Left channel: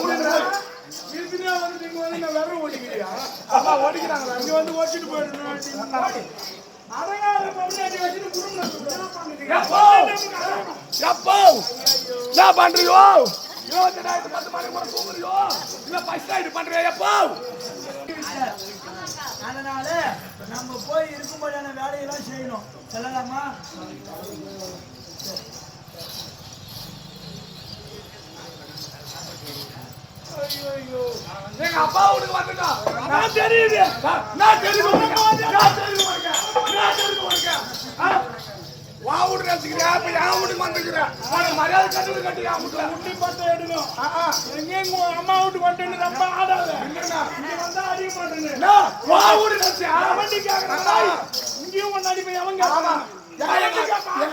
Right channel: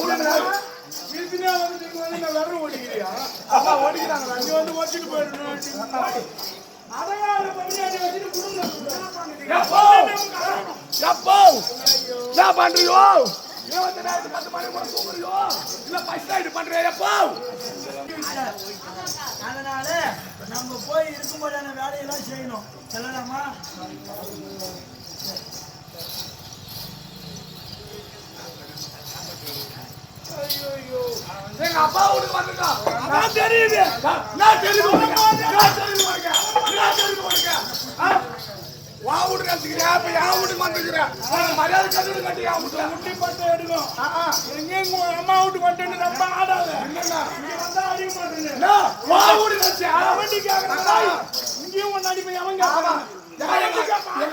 வந்து இங்க வந்து நான் விரல் ஓடிக்கிறியா? அப்பா ஓடிக்கிறாங்களா இங்க வந்து ஓட்டிட்டு போயிடணும். அடங்காத பொம்மையாடி வச்சுட்டு குடும்பம் நடத்துறாங்க. இருபத்தி பத்து மணி கூட இல்ல பண்றியா அதனால நம்ம போய் இருக்கும்போதான வேலையெல்லாம் செய்யணும் சொல்லலாமா எங்க அப்பா வீட்டுக்கு வந்துட்டான் நான் தெரியுது நான் தெரியுது உனக்கு நான் தெரியுது உனக்கு நான் தெரியுது உனக்கு? வா வீட்டுக்கு வச்சுக்கிறியா இப்ப என் வீட்டுக்கு வந்துக்கிறேன் உனக்கு மரியாதை கட்டு கட்டி என் வீட்டுல முட்டி பட்டு எடுக்கும். எங்க எங்க அம்மா வீட்டுக்கு வந்துட்டு ரொம்ப ஆடாத. இங்க வந்தா அடிக்க. என்ன? வா வீட்டுக்கு வச்சியா வண்டி கேக்குறான். இங்கேயும் அடிப்பேன், எவன் கேட்பான்? எங்க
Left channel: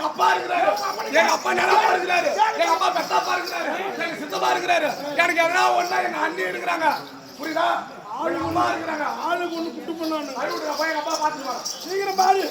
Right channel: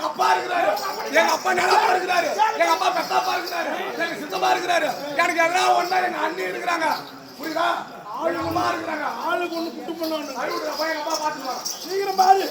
அப்பா இருக்கிறாரு எங்க அப்பா நிலப்பா இருக்கிறாரு எங்க அப்பா பெத்தப்பா இருக்கிறாரு எங்க சித்தப்பா இருக்கிறாரு எனக்கு எதனா ஒண்ணா எங்க அண்ணி இருக்கிறாங்க புரியுதா எங்க அம்மா இருக்கிறாங்க ஆளுக்கு ஒண்ணு குட்டு பண்ணணும். அழுகுற போய் எங்க அப்பா பாத்துக்குவாங்க சீக்கிரம் பாரு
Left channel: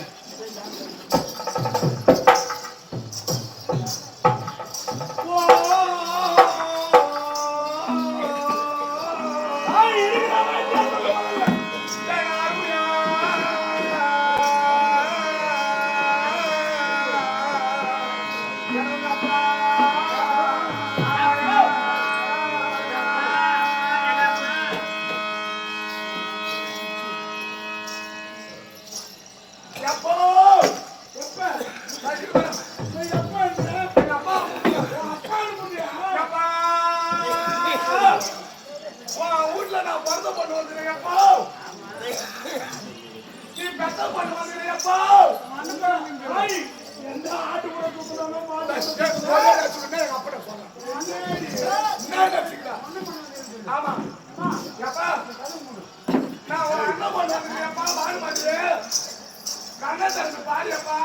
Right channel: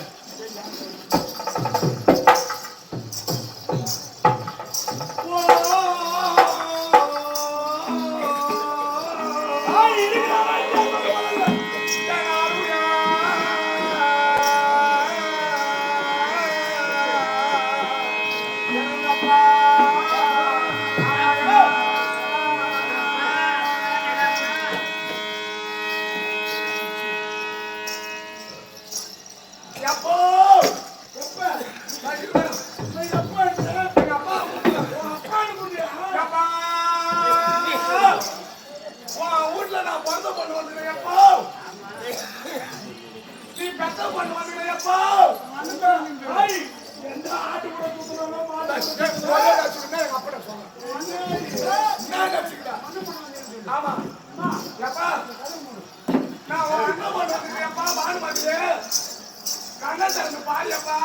என்ன திறந்து பாரியப்பா?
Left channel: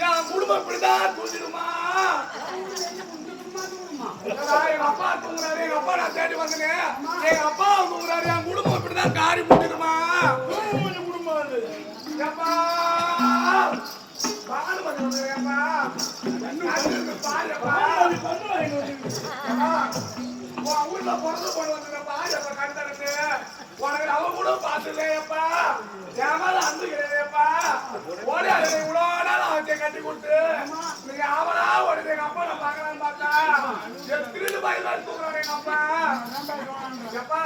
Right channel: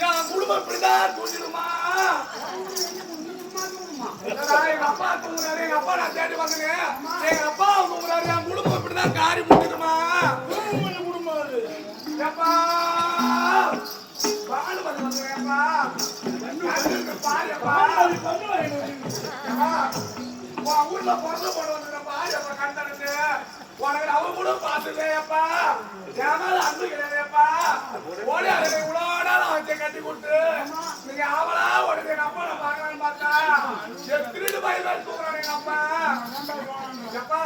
என் குடும்பம் இப்படிதான் தூங்கிடுமா எங்க அப்பா தூங்குறாரு எங்க அப்பா நான் தேடி வந்தேன் எங்க அப்பா தூங்குறாரு என் குடும்பம் இப்படிதான் காரி போட்டுடுமா குடும்பம் அது. எப்பா பானுமதி உன் ஊர்ல பிறந்த வந்துருக்க பாரியப்பா கண்டனத்து உனக்கு அவ கூட பார்த்துருவேப்பா என் மேல அன்பு கிடையாதுப்பா. ஓடி அதை இவ்வளோ நாள் அவன் கட்டி கொடுத்து நீங்க அவளா ஓடி எங்க அப்பா நான் பார்க்கலான்னு பார்த்தா திருட்டு பாய் தான் தூக்குறான் எங்க அப்பா எப்பா?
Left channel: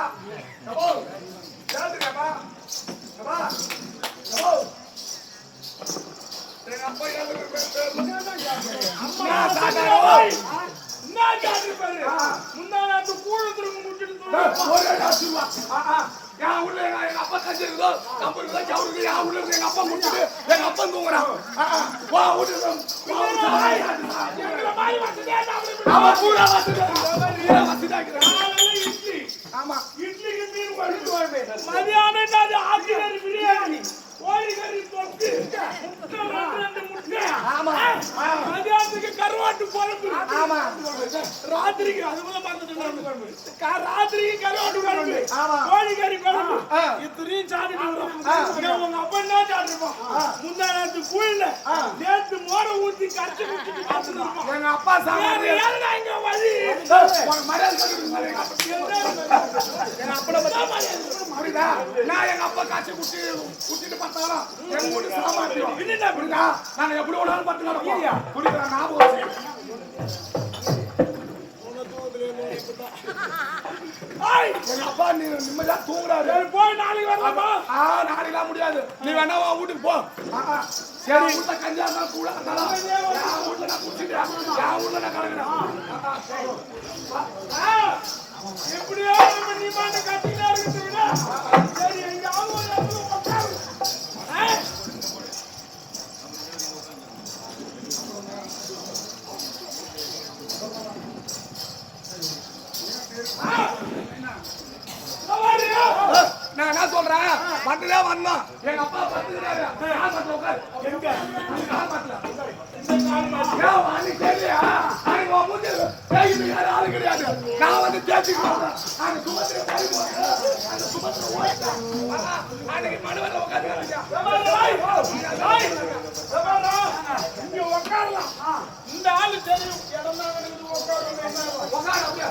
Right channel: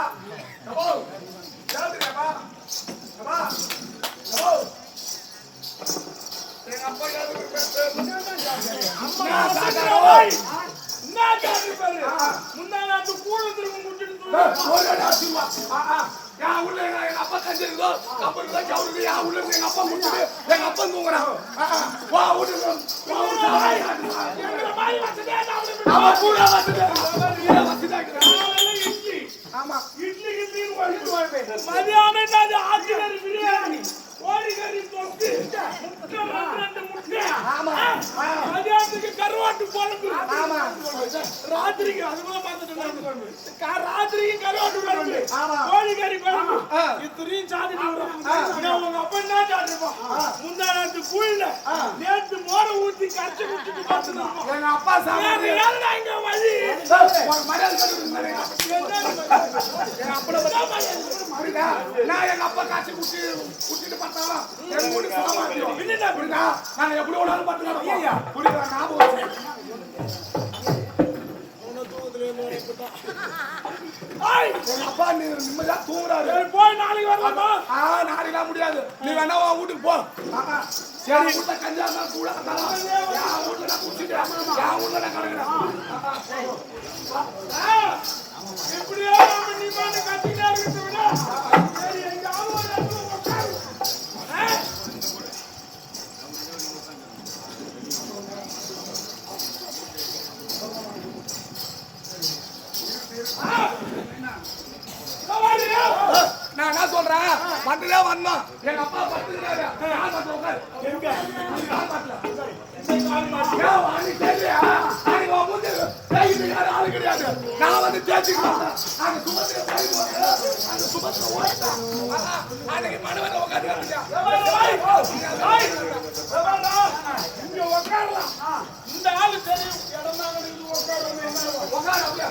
எப்போ? எழுதுங்கப்பா எப்பா? எப்போ? எங்க அப்பா அம்மா, சாப்பிடுறா, ஓய். முந்தா நாத்து திரும்ப என் உள்ள எங்க அப்பா கஞ்சி இருக்குதோ கம்பு இருக்குதோ என் உள்ள இருந்து எங்க அப்பா முடிச்சுட்டு எங்க அப்பா தூங்குறான் வா வீட்டுக்கு அவன் கூட வசதியா வசதியா இட்லி. இட்லி மதியானம் பிரியாணி கோழிக்கறி தொக்கு முட்டை ரெண்டு முட்டை மதியானத்துக்கு கருவாட்டு குழம்பு. ராத்திரிக்கு அதுக்குள்ள பார்த்துட்டு கா- ராத்திரிக்கு கருவாட்டு குழம்பு. கோழிக்கறி குழம்பு. இத்தனையும் சாப்பிட்டு வரோம். உங்க அப்பா என்ன சாப்பிட்டுருப்பான் முந்தா நேரத்து கூழ்ல நேத்து மோர ஊத்தி கரைச்சு எங்க அப்பா சாப்பிட்டு இங்க வழி? மரியாதை எங்க அப்பா? நான் காய்ச்சி குட்டி குட்டிட்டு பார்த்தாலும் எங்க வீட்டு சாமானியம் என்னடா புரியுதா? நாங்க எப்படி வேணாலும் பார்த்துக்கலாம் புரியுதா? ஞாபகம் அப்பா நீ நிம்மதியா தூங்குறாரு. சரி, போய் நாளைக்கு வரலாமா? ஆ நாளைக்கு முடியாது. நீ வேணா உன் வீட்டுக்கு போ. என் வீட்டுல கஞ்சா இருந்தாலும் கூட என் வீட்டுல நான் குடிச்சிட்டேன் என் வீட்டுல நான் கிடக்குறேன். எப்படியோ நம்ம நிமாண்டு கத்திக்கிட்டே இருக்கிறத போட்டு, அன்னைக்கு எங்க அப்பா பத்துக்கிறாரு நடுவுல உட்கார்ந்து இதோ வாரு, வாய். வாய். இதோ வாடா. இங்க உட்காரலாம். இந்த ஆளு தெரியும். இடம் தான் கிடக்குது, உட்காருங்க,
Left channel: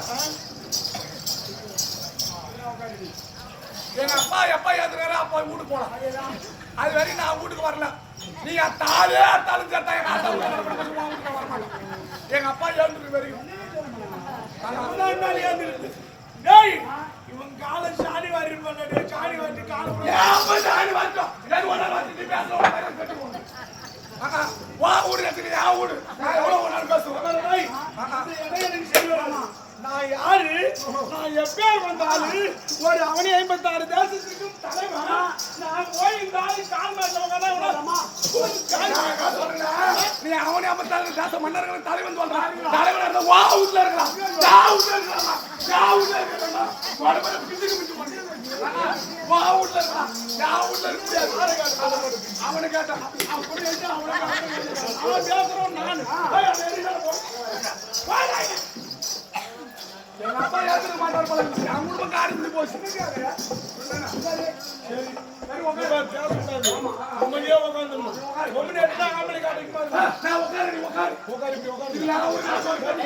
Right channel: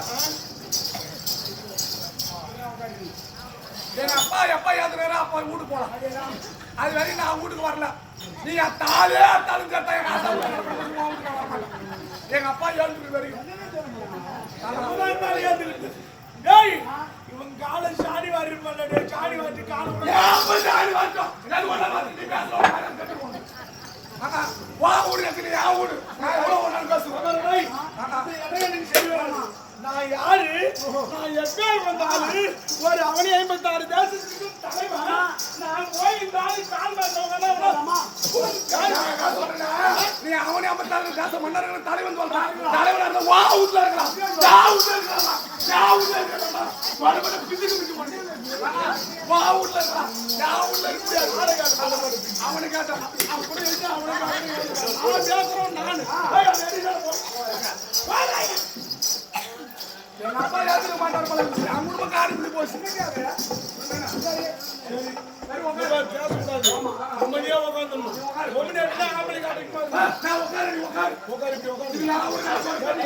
என்ன? அப்பா எப்ப ஏத்துக்காரோ அப்பா வீட்டுக்கு போலாம். அது வரைக்கும் நான் வீட்டுக்கு வரல. நீங்க தாலே தாலும் சட்டா எங்க ஆத்தா எங்க அப்பா ஏழுக்கு வரைக்கும். அவன்தான் டேய், இவன் காலை சாடி வாரி இருப்பான்ல, சாடி வாரி காலை விட- ஏன் அப்பா தாடி வாங்கிட்டோம் நீ பேச வா ஊடு கட்டி ஆ ஊடு நான் பேசுவேன் எனக்கு சரி நான் யாரு? நான் எப்பே வந்தாலு ஒரு அவனி ஐம்பத்தாறு தேசத்துக்கும் தலைவன்? நான் போய் இந்த ஆளு கால் மாட்டவங்க நீ அவனே ஐம்பத்தாறு தேச மன்னர்கள் தலைவன் சொல்றான் தலைவன் இருந்தா வா வீட்டுல இருக்கலாம். யா வீட்டுல இருக்கலாம். யா வீட்டுல இருக்கலாம். வடபட பிச்சுக்கு பிச்சு பண்ணி வா. வீட்டுல இருக்கலாம். யா வீட்டுல இருக்க அவனை கேட்டான் அப்படி அவனை கேட்டான் அவன் கேட்கறோம் நான். ஏய், அப்பா ஏத்துக்க மாட்டார் போல இருக்கு. என் குடும்பம் போச்சு. சரி. சரி. ஆ, நான் உட்காரு, நீ உட்காரு. நான் சொல்றேன்.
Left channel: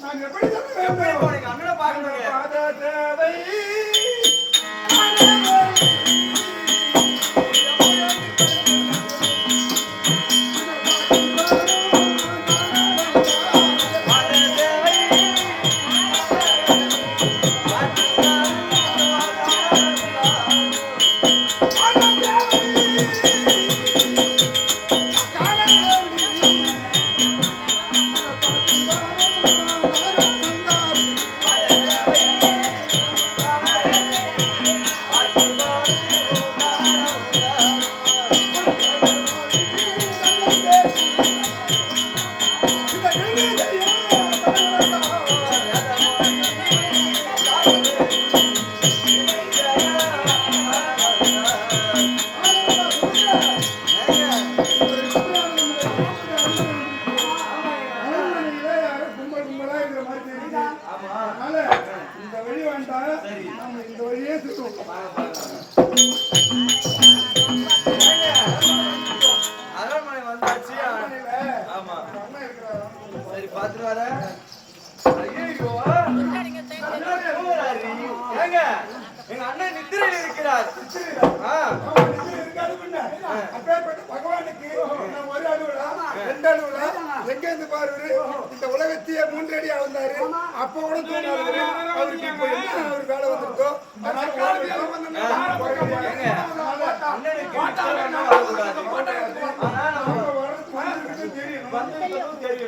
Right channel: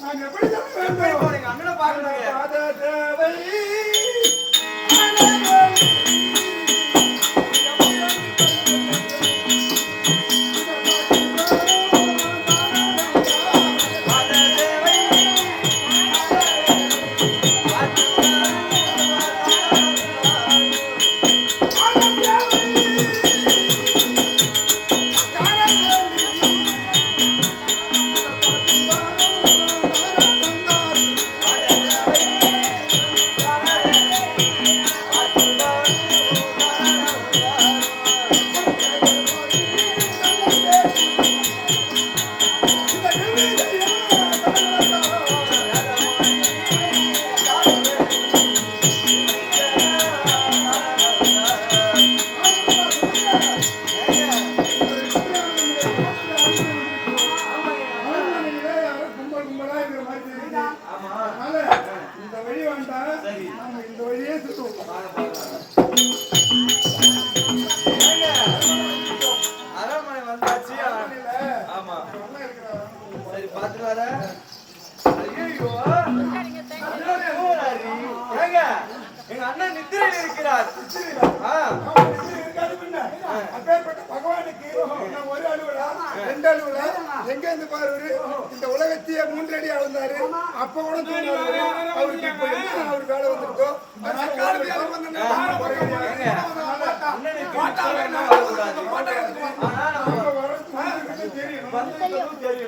நான் எப்படி? அண்ணனை பார்க்கணும்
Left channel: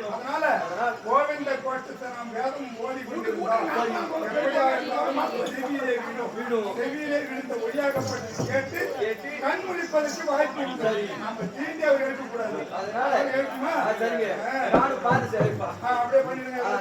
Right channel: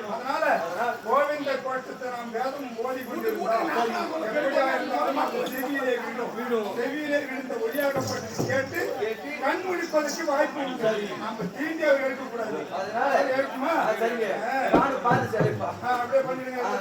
அதனால கோவிந்த கோட்டத்தை நாம் வேதம் செவியிலே விடும் செவியிலே விழுந்த ஒளியாகப்பட்டது கேட்டு கண் முடிப்பதற்கு வாய்ப்பு உண்டு நாம தீண்டி அவர் எடுக்கக்கூடாது அதனால அவர் எடுக்குமா ஆ,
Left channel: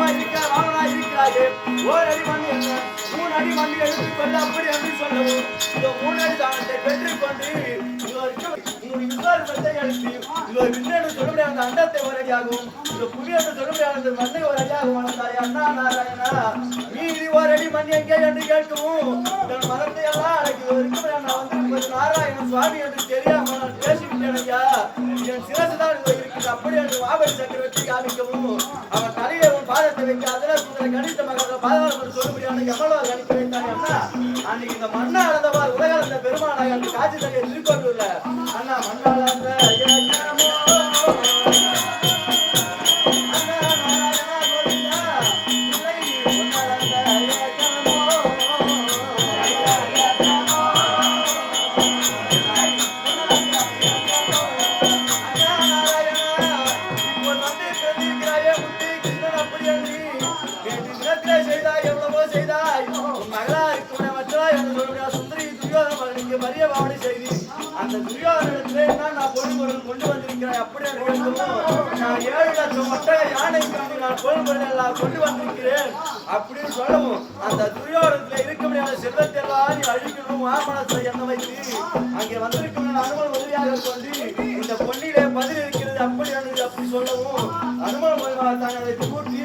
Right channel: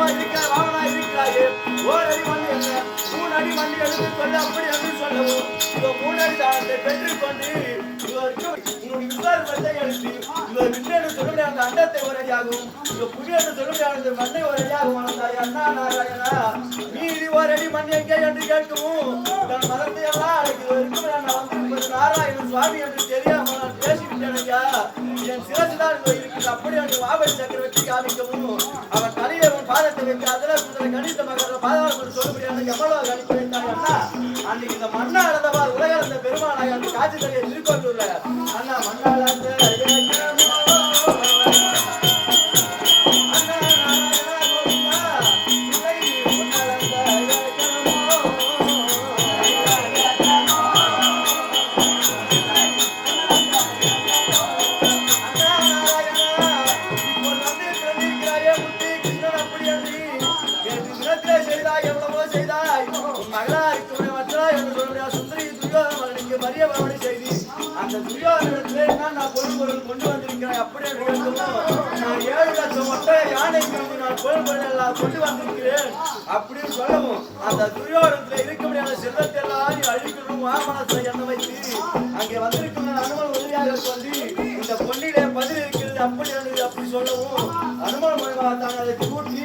வந்திருப்பதோ குள்ளமா இருக்கிறாய் இருக்கிறாயே ஓர் அடி மண் என்ன? மூணு அடி மண் எடுத்து சொல்ல அப்படி அப்படி சொல்லவும். இதோ மூணு அடி தானத்தை பெற்றுக்கொண்டு இதற்கு உன்னுடைய விசுவாசத்தை எடுத்து இதோ விண்ணென்று சொல்ல முடியாத அண்டத்தை ஒரு அடியாகும் இதோ புவி சொல்ல முடியாத மண்ணை ஒரு அடியாகும் வளர்ந்தாய். அண்ணா நாராயணா மீதி ஒரு அடி மண் எங்கே என்று கேட்கவும் தன் எல்லாம் நான் வந்திருப்பது நாராயண சுவாமி என்று தெரியாமல் நான் என் சிரசு இருக்குது அப்படி என்று மாபலி சக்கரவர்த்தி காமிக்கவும் அவன் தலையில பாதத்தை வைக்க சுந்தர கணித மகர பாதாளம் சொல்ல முடியாத எவ்வளவு அண்ணா அன்னைக்கு இந்த மண்ணா அளந்தவார் அந்த பெருமானாய் அந்த காட்சி அண்ணா மண்ணா அளந்த அண்ணா ஏழு லட்சம் யானைக்கு நான் பொருள் கொண்டு வந்திருக்கிறேன். அப்படின்னு சொல்லவும் அந்த துரியோதனத்தில் இருக்க முடியாத செல்வத்தை எல்லாம் நீ அழிக்கணும் மாமனத்தை என்ன வைத்து அங்கே வந்திருக்கும் அனுமன் உதவியாக சொல்லி இந்த பொன்னிலே பதில் இருக்கிறது அப்படி அப்படி சொல்லவும் அனுமன் மூலமாக தான் அதை கூட்டி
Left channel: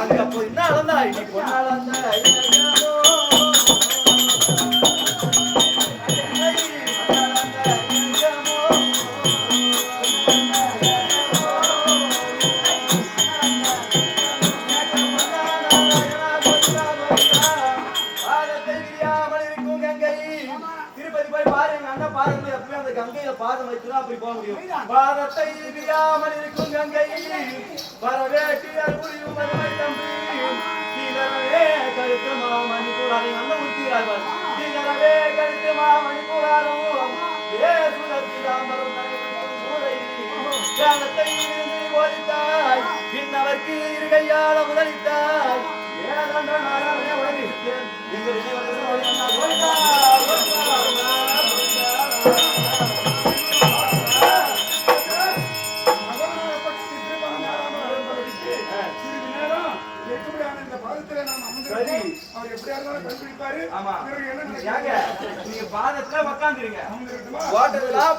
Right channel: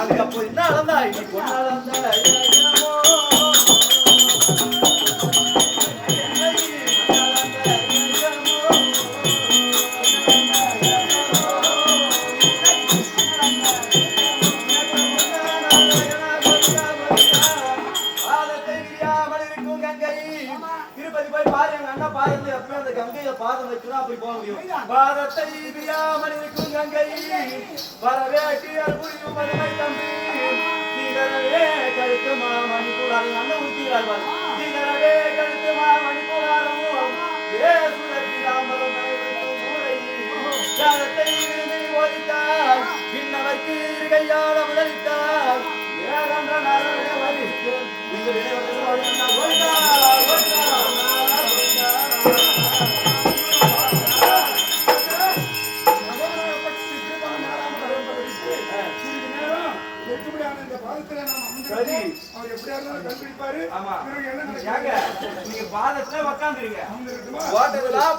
அங்கே அப்போ என்ன அளந்தாய் நீ பொண்ணு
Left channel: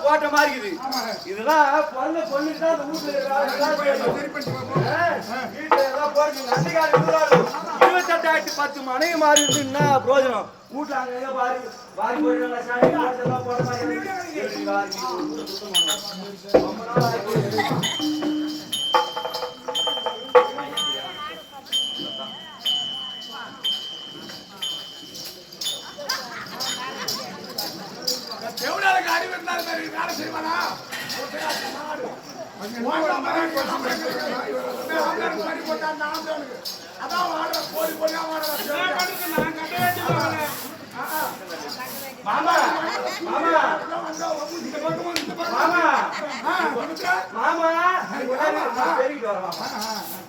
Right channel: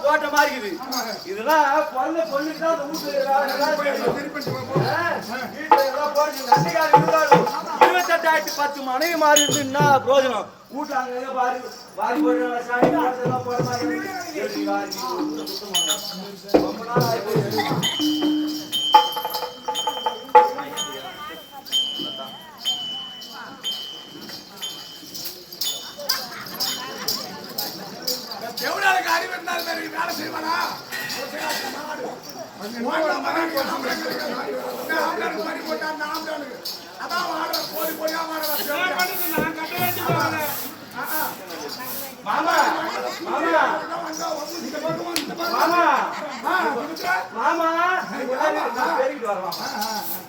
போட்ட மாதிரி இருக்குது. இதெல்லாம் பொண்ணு பொண்ணு தான் அந்த வீட்டுல வேலை வீட்டுல எல்லாம் இருபதாயிரம் பத்து மனைவி மாறி இருந்து பிரோஜனம் கூட்டாங்க அதான் மாமா மாமா மாமா மாமா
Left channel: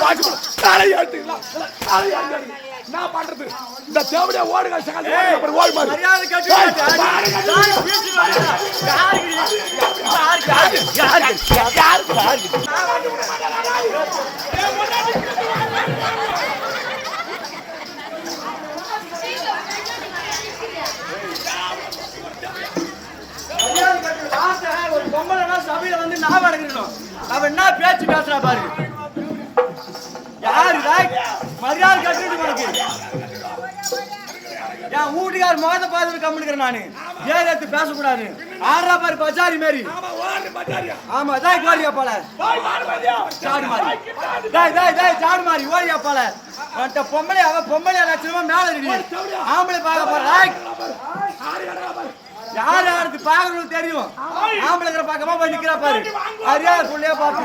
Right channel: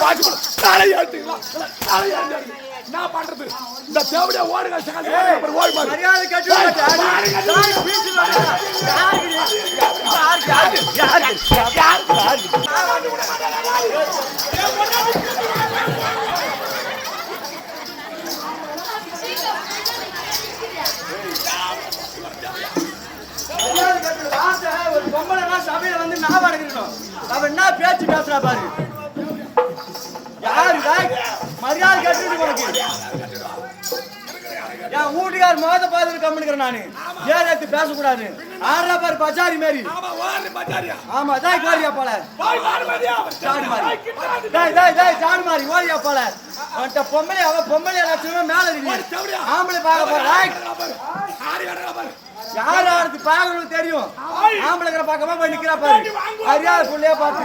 பாட்டு காலை ஆட்டுங்களா காலை ஆட்டு நான் பண்றது. இந்த தேவடியா ஓடுங்க சகாஜ் ஓடுங்க ஓடி மாறு. ஒரு பொம்பளைனா சபையில வந்து ஞாபகம் அடைக்கணும். அவன் என்ன பேச்சு பேசுறா பாரு யாரு மரியாதை கட்டுறது உனக்கு என் வீட்டுக்கார் முகத்தை பார்த்துட்டு கம்முனுக்கிறேன் நானு. ஏன் எடுத்து பேசக்கூடாது ஆடுறா பாரு பஜாரி மாரி. ஆமா தான் கோரியா போல. சாடு மாறி. டேய் டேய் டேய் சாடு மாறி ஓடியா போல. அந்த பொம்பளை அவ பொம்பளை லட்சணமா மேல இருக்கு. ஆம்பளை பார்க்க போற. டேய், ஆடி கடறா பாரு. யார் யாருக்கு பார்க்கணும் தெரியும்? ஆம்பளைங்கிற பார்க்காம போய் நிக்கிறா பாரு. அறியாத புள்ளையா பார்த்து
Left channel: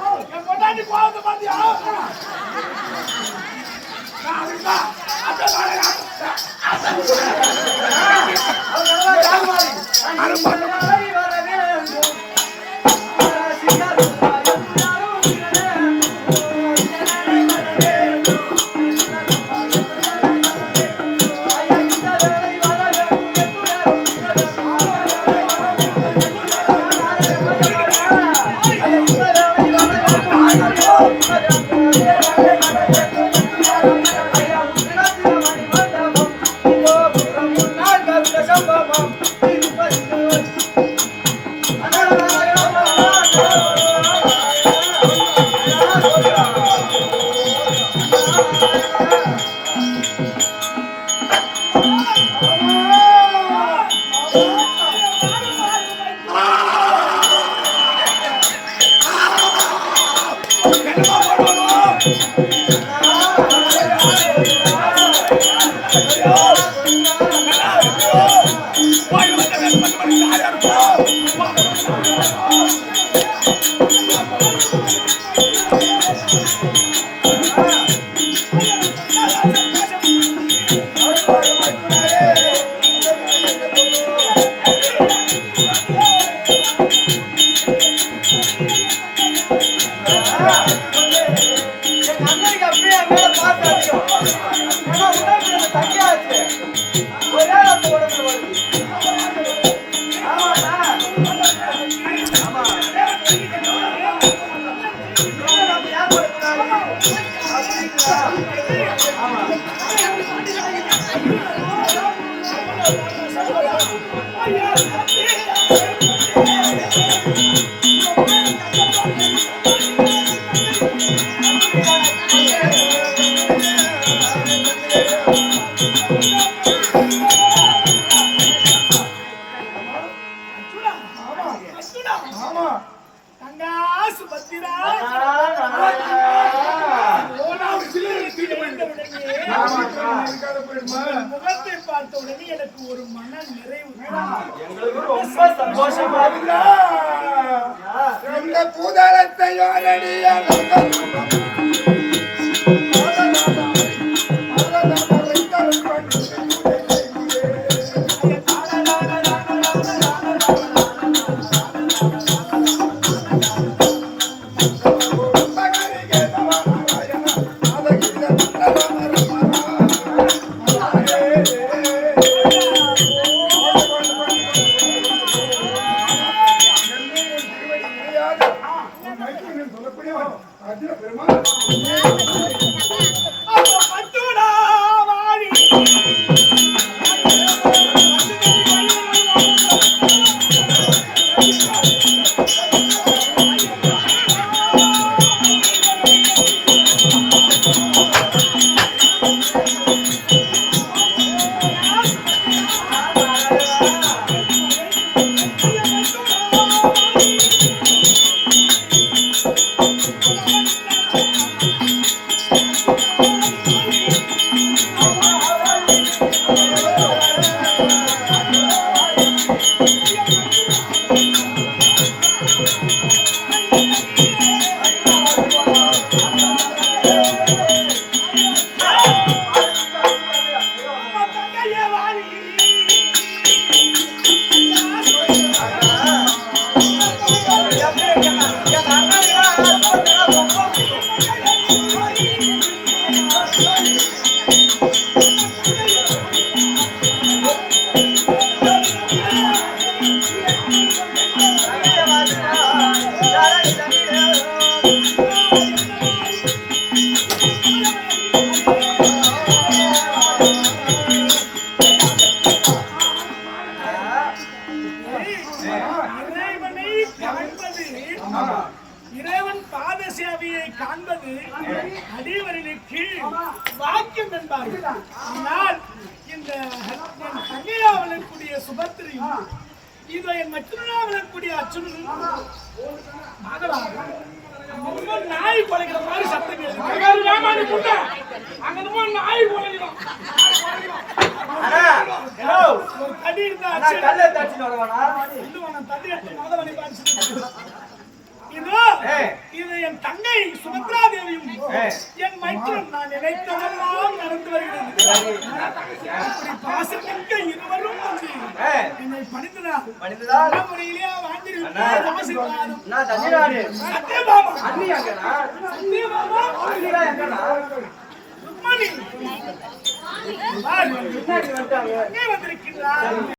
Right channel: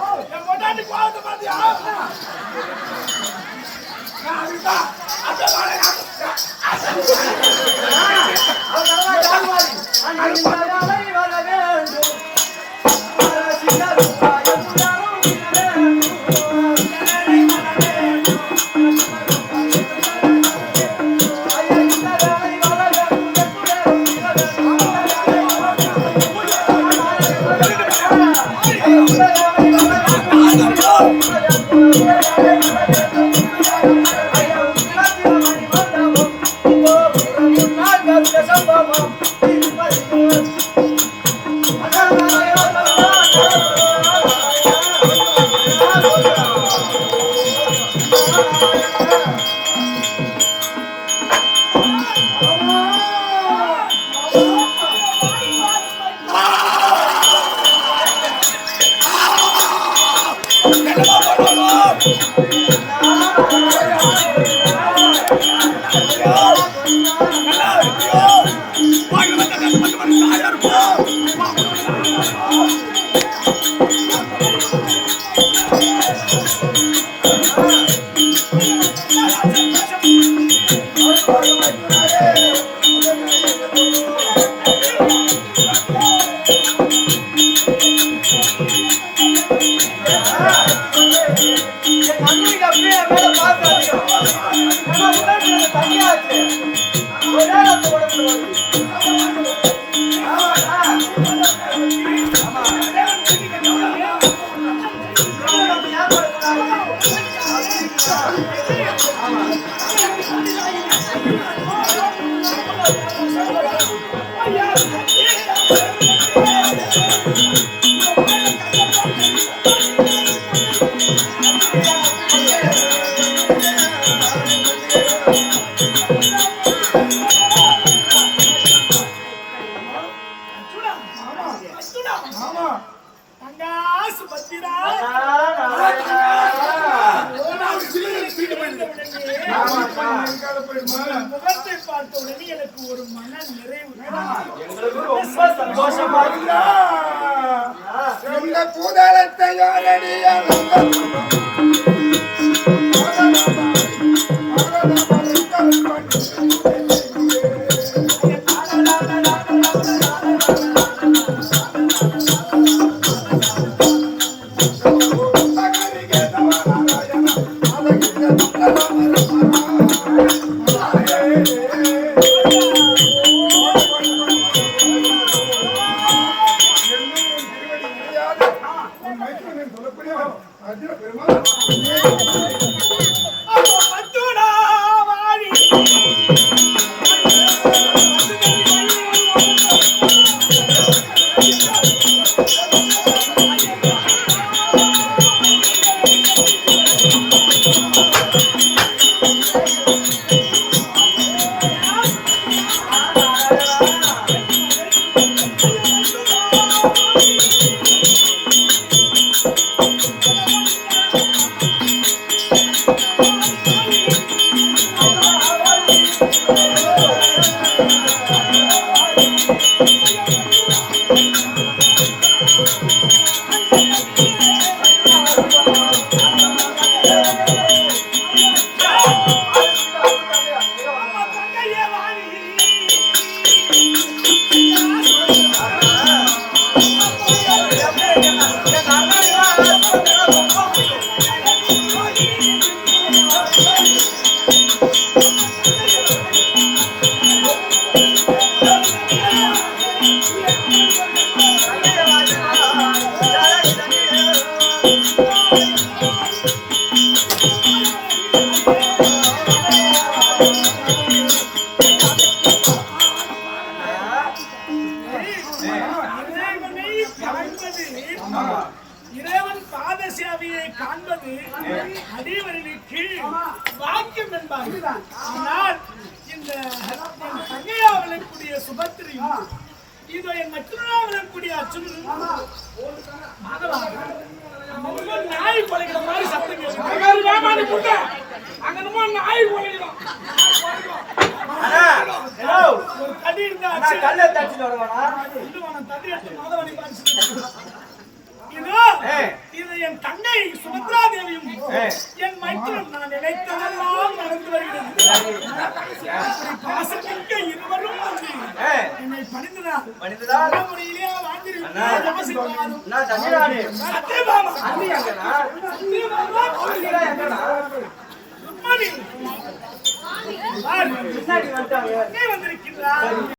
வரல கோவத்தை பாத்தியா? அந்த ஒரு மன நிறைவு. ரொம்ப சந்தோஷமா இந்த பூதளத்தை சுபத்திரியும் இதோ என் மகளாக அங்க என்னமோ நாய் குலைக்கிற மாதிரி சத்தம் புள்ள அங்க நாய் குலைக்கிறோம் தடி இருந்தா கல்ல தட்டிட்டு வருவானா? இல்ல எடுத்து மாதவனை பாரிச்சு இதோ. இது என் தங்கை சுபத்ரா தேவியும். என் மைத்திரன் நான் நினைத்ததெல்லாம் நடந்து வருகிறது. அப்படி பாசமிக்க இருவரும் வந்து என்னை பணிந்தனர் மனிததான் முறையிலே அண்ணா. வாழ்ந்திருக்கிறார் ஆசீர்வாதம். அண்ணா தண்ணிராணி சத்யபாமா. ருக்மணி அங்கே வந்திருக்கின்றார்.